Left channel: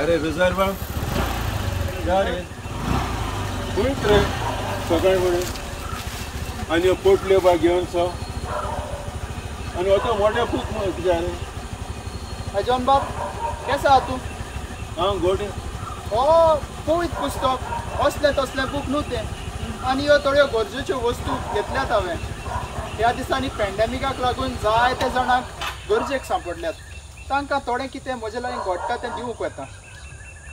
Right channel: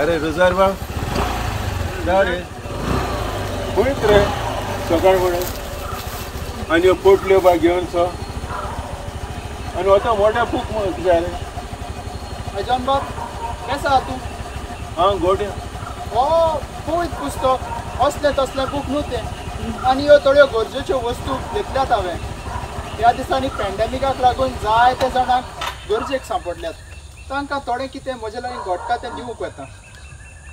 अरे रुजार बाब जा रे खंयच रे सकाळ फुडें आनी ह्यो पोटल्यो बा घेवन सो आनी वता मोठ्या बूक कितें रे जॉन बाब केसो आहा तूं? हांव गोट्या हो पळयत पुस्तक असले तसले बूक न्हू तें आनी ह्यो थोड्यो गरजेच्यो वस्तू घेतल्यात हांवें. ह्या दिसांनी पॅन्डेमिकाक लागून जायते जाणांक गरजेक सांपडल्यात. तांकां थोडें कितें म्हजे लागीं घडटा तें दिवूंक वता.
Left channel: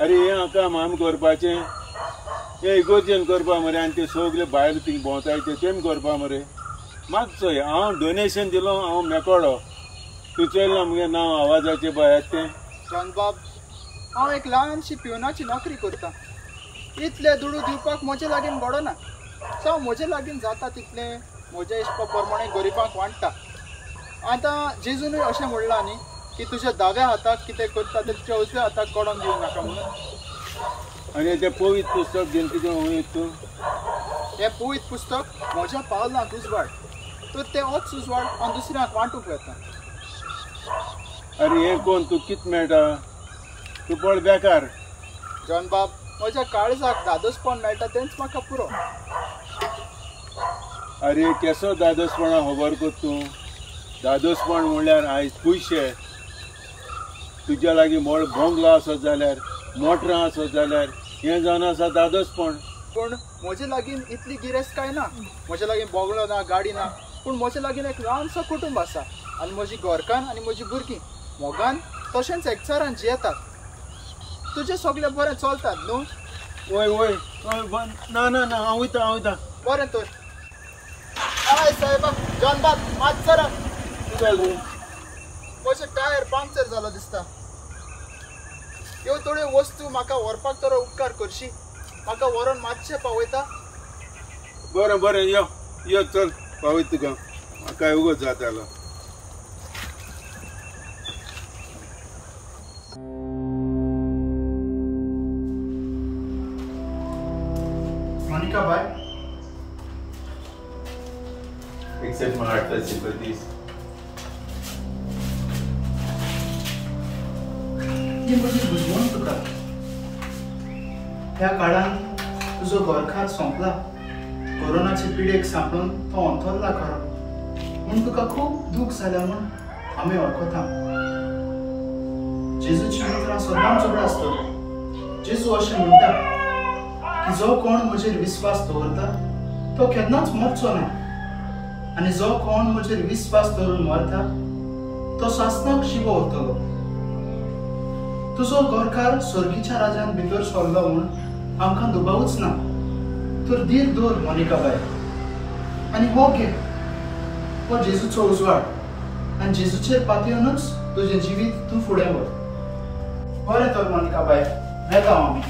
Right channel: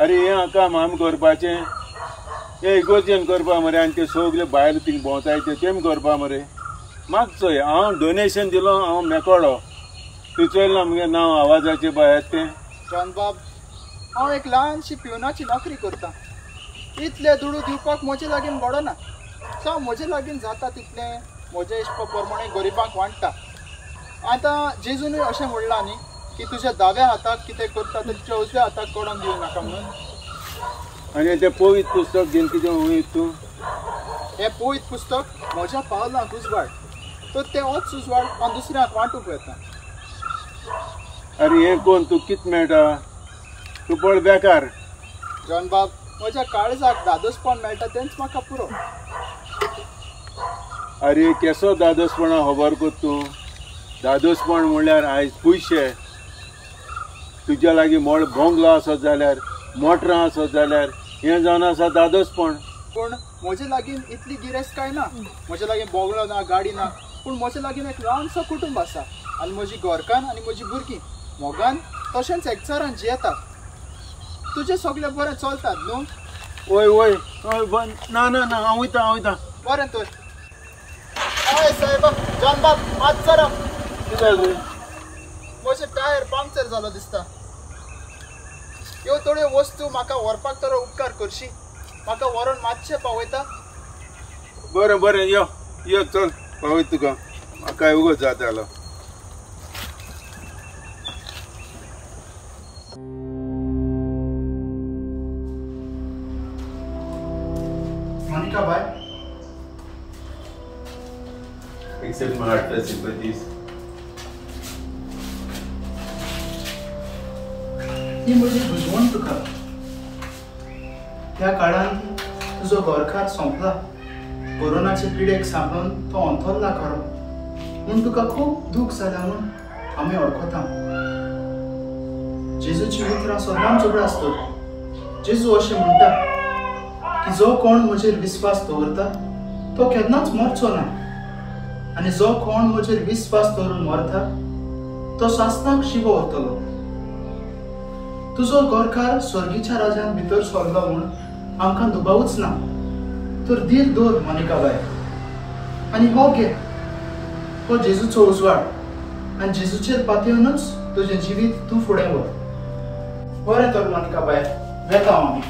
अरे हें हाका माम करपाचें हें इगोर्जेन करपा मरे आनी ते सगळे भायर थिंग भोंवताय तेम करपा मरे म्हाका चोय हांव डोनेशन दिलो हांव मेकोडो तूं चोयलां मगे नांव आवाजाचें पळय तें. जॉन बाब हांव एक ल्हानशी पिवनाची नोकरी करतां. इतले दुडू दिवपाक म्हजे लागीं घडना. सो म्हजे लागीं जाता तितलें म्हज्या इश्पा प्रमाणे गरिबांक वांटटा. आतां जेजूनय अशें म्हणलां न्ही की तुज्या दाव्या हाताक कितें करता तें तुज्या उजव्या हाताक कोडोन दिवं नाका म्हणून. आनी तें पवित्र पुस्तक घेवन कितें वयत तूं? हें पवित्र पुस्तक म्हज्या पावलांक उजवाड तर तें होच उजवाड हांव दुसऱ्यांक वांटूंक येता. अरे हें कोण तूं कितें मेळटा तूं पळ बेकार. जॉन बाब म्हज्या काळजाक दादोसपण मेळटा तेंच म्हाका पुरो. अरे केसो दादोसपणा खबर कर तूं. दादोसपण म्हणल्यार आयज पयशे तुज्या लागीं मोड बोंगलो आसत जाल्यार मोटरां आसत जाल्यार हें जावन आसा दादोसपण. पूण म्हजे लागीं इतली गिरेस्त ना. म्हजे लागीं बोगलो ना गाडी ना पूण म्हजे लागीं एक ल्हानसो कुटुंब आसा आनी म्हजी घरकान्न आनी म्हजी भुरगीं मोगान तशेंच एकचारान जियेतात. तुजें सगळें बरें चलतात न्हू? वय वय ना ना ना हांव वयता. बरें तर. हय साहेबा जॉन बाब मातसो राव. म्हजें टायर पंक्चर जालो दिसता. ह्यो थोड्यो वस्तू म्हाका व्हरपाक तर उपकार करशी. म्हाका व्हरून मातशें पावयता? बरें बरें यो यो चल पावयत तुका म्हाका उगोच जातालो. मोनिका बाय एक्सेप्ट my heartfelt sympathies. ही म्हजी बुजवण तुका. ह्या काळांत तुजो घरकार सोंपला. कोरोनाचे पिडेक सांपळून तो अंथरला खरो म्हूण तुका खूब दूख जालें म्हूण आमी वळखता. जेजूची उतरां सदांच उगडां आसतलीं. जेजू अशें म्हणटा की जो कोण म्हजेर विस्वास दवरता तो केन्नाच मरचो ना आनी जो कोण म्हजेर विस्वास दवरून मरता तो सासनाक शिवो व्हरतलो. तुजो घरकार स्वर्गीच्या राजान भितर सरलो म्हूण आमकां दुबावूच ना. तर धीर दवर मोनिका बाय आनी हो घे हो जेजूचो उजवाड आनी जेजूचेर पातयेवनूच तुजें जिवीत तूं फुडें व्हर. बरें तर मोनिका बाय वेता आमी.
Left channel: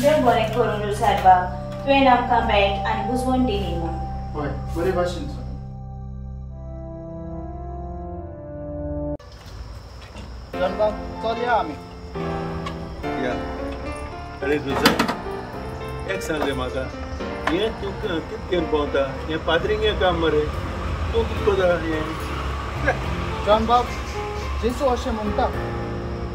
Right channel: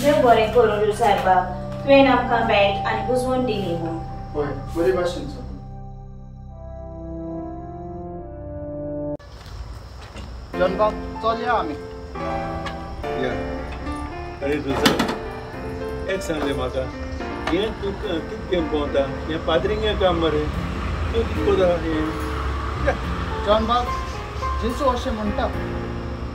देव बरें करूं साहेबाब तुवें आमकां बॅग आनी बुजवण दिली न्हू. हय बरे भाशेन जॉन बाब चल या आमी. या अरे तुझं एक सांग रे म्हाका हें तूं कितें घेवन पावता हें पाद्रिंगे काम मरे तूं कितें कोता हें. जॉन बाब जेजू अशें म्हणटा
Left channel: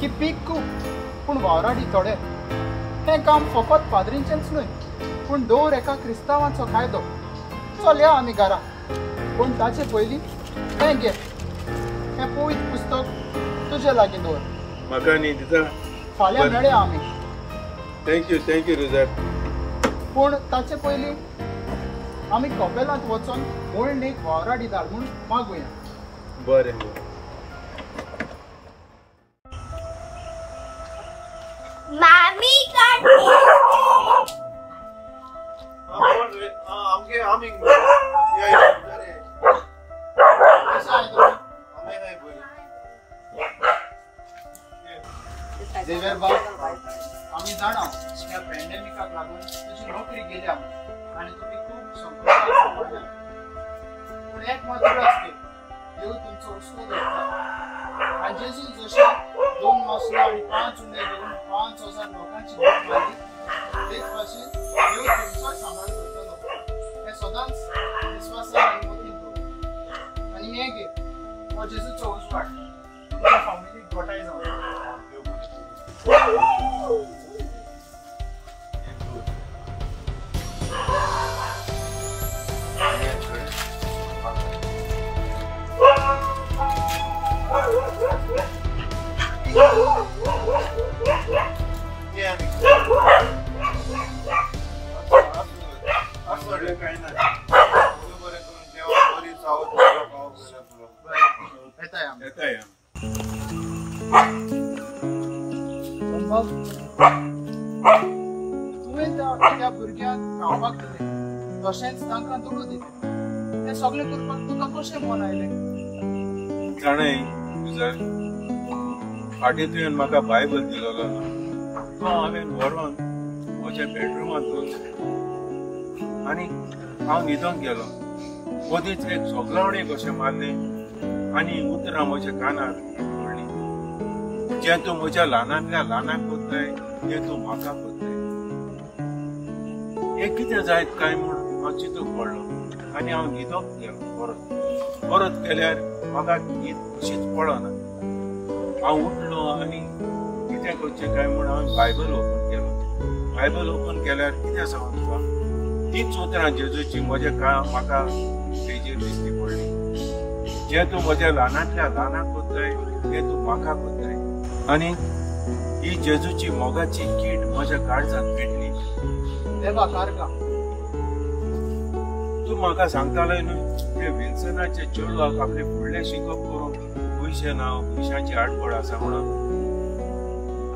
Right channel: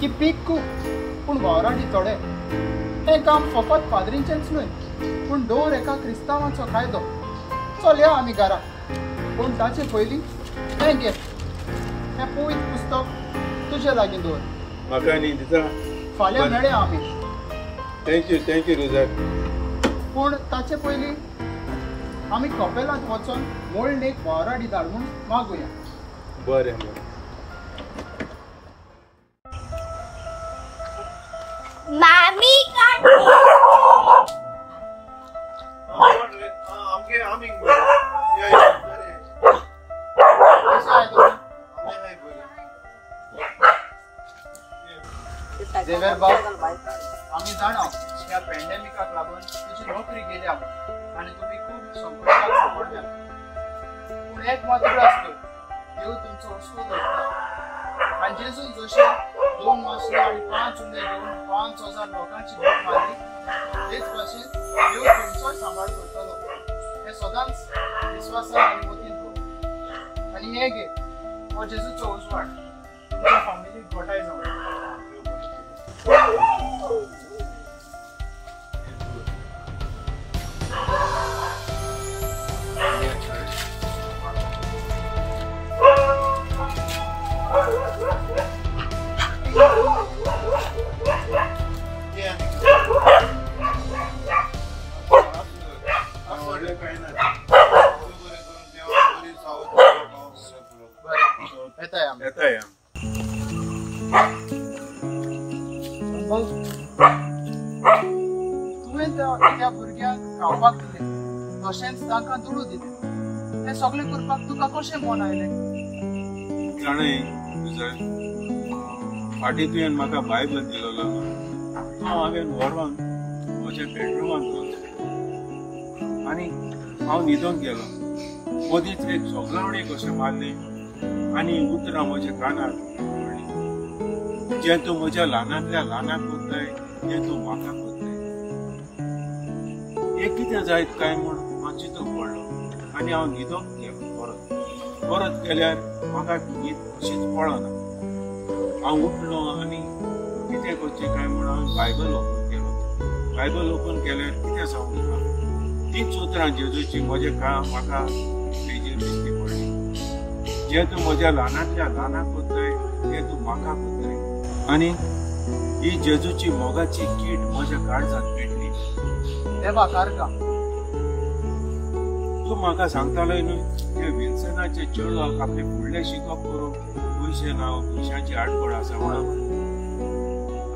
की पीक खूब पूण वावराडी थोडे. हें काम फकत पाद्रींचेंच न्हय पूण दर एका क्रिस्तांवाचो कायदो. चल या आमी घरा पूण ताचे पयलीं हें घे हें पवित्र पुस्तक तुजे लागीं दवर. म्हाका न्ही दिता. फाल्यां मेळया आमी. थँक्यू रुजार. पूण ताचे पयलीं आमी कपेलांत वचून मोळणेक वावराडी धाड म्हूण मागुया. बरें बरें. मामी झेवियर बाब आमी जाणा ह्या पॅन्डेमिकाक लागून तुजी नोकरी गेल्या आनी तुमी खूब संकटाक सांपडल्या. पूण एक मात उगडास कर देव तुमचो उसको धरता. आनी जेजू जशें 2 मासलां आनी 5 उंदे घेवन 5,000 लोकांची भूक मारली तेच भाशेन देव तुमचोय सांबाळ करतलो. हें सदांच विस्वासान आनी मतीन दवर. आनी हें घे हो जेजूचो उजवाड तुज्या फामिलीक घोटाय जावन. तुवें त्या भुरग्यांक खावपाक दिलें तशेंच तांकां दुडू दिलें हें सगळें करपाक तुका कशें मन आयलें? जाणय फाटीं तुवें म्हाका बायबल दिलोलो तो हांवें व्हरोन म्हज्या बेडरुमांत दवरलें आनी हांव न्हिदोन गेलो. मदींच एक सोगलावणे कशें मारलें आनी उतरां म्हज्या कानार पडलीं. जें तूं म्हज्या ल्हानांतल्या ल्हानाक कोत्ताय तें तूं म्हाका कोत्ताय. हें कितें जायत काय म्हूण म्हाका चिंतून पडलो आनी हांव न्हिदोन गेलो. परत केल्यार म्हाका न्हीद अशीच पडना. हांव उठलो आनी कितें करचें काय म्हूण हांवें बायबल ओपन केलो. बायबल ओपन केल्यार कितें जावन तुका तीच उतरां जेजूची म्हाका पेजीर दिश्टी पडली. जें तूं म्हज्या ल्हानांतल्या ल्हानाक कोत्ताय तें तूं म्हाका कोत्ताय. आनी ही जेजूची मोगाची कीट म्हज्या काळजांत पेटली. देवा कारगा तूं म्हाका सांगतालोय न्हय ते विल्सनाचे चेडवाक आपले फुडलें शिकप करून पयशांची आडखळ आसा म्हणून.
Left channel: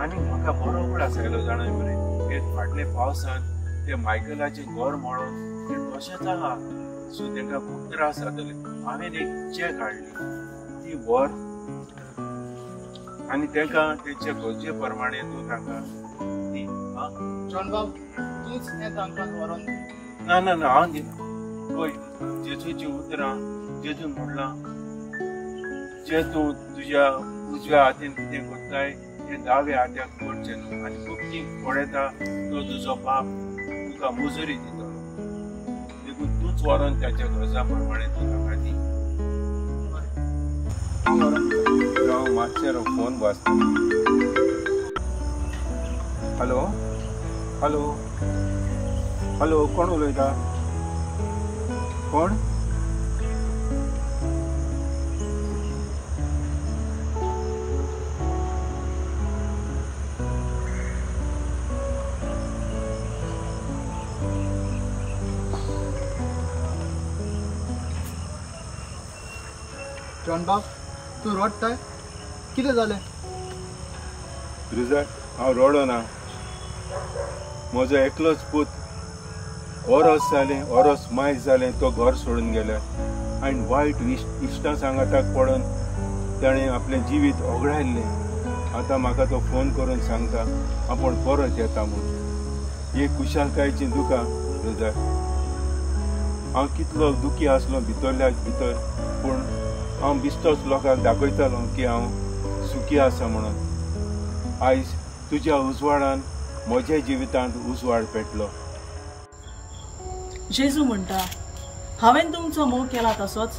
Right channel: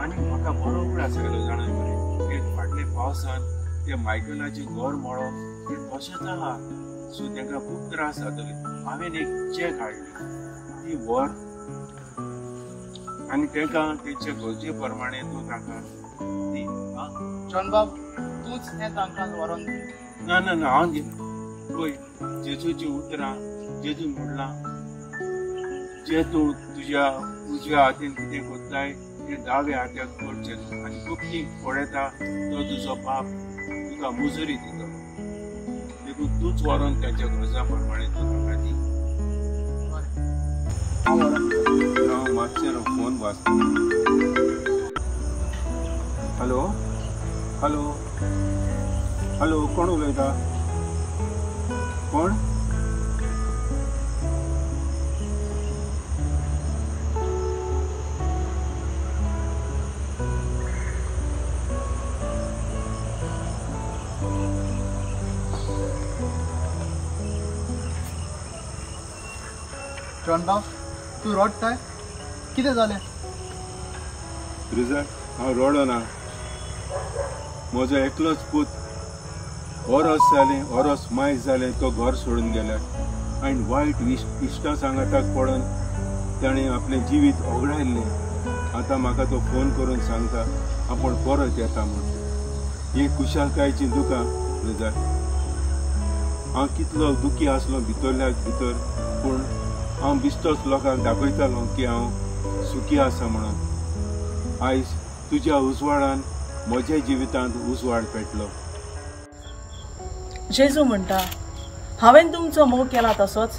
आनी म्हाका बरो वेळ आसलो जाणा मरे. ते फाटले पावसान ते मायकलाचें घर मोडोन ते कशेंच आहा सो तांकां खूब त्रास जातले. हांवें एक चॅक हाडली ती वर आनी तांकां तेंच्या गरजे प्रमाणे तूं तांकां दी. जॉन बाब तूंच हें तांकां व्हरोन दी. ना हांव दिना. पळय जेजूची उतरां जेजून म्हणलां जें तूं तुज्या उजव्या हातीन कितें कोत्ताय तें दाव्या हात्याक करचें आनी कुक्ती पडयता तो तुजो बाप तुका मुजरी दितलो. देखून तूच व्हरोन त्याच्या गरजा प्रमाणे तूं ताका दी. हांव मातशें फोन वाचता. हॅलो हॅलो हॅलो कोण उलयता? कोण? जॉन बाब तूं रडताय? कितें जालें? रिजल्ट हांव रडना. म्हजो एकलोच पूत ओरोस मायक जालें तो घर सोडून गेले आनी वायट इश्टां सांगाताक पडून ताणें आपलें जिवीत ओगडायल्लें. आतां म्हाका तो फोन करून सांगता आपूण परत येता म्हूण. ही कुशालकायेची दुकां रिजल्ट. हांव कितलो दुखी आसलो भितरल्या भितर पूण हांव बिश्तोच लोकांक दाखयतालो की हांव सुखी आसा म्हणून. आयज तुज्या उजवाडान म्हज्या जिवितांत उजवाड पेटलो. जेजू म्हणटा हांवें तुमचो मोग केला तसोच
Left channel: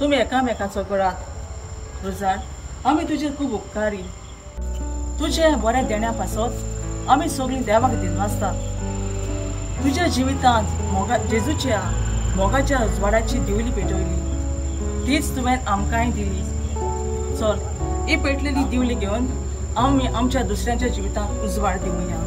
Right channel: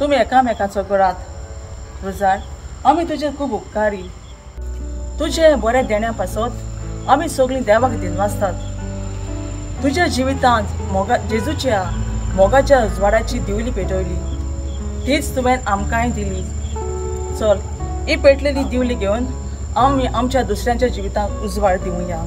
तुमी एकामेकाचो करात. रुजार आमी तुजे खूब उपकारी. तुजे बऱ्या देण्या पासत आमी सगळीं देवाक दिनवासतात. तुज्या जिवितांत जेजूच्या मोगाच्या उजवाडाची दिवली पेटयली तीच तुवें आमकांय दिली. चल ही पेटलेली दिवली घेवन आमी आमच्या दुसऱ्यांच्या जिवितांत उजवाड दिवया.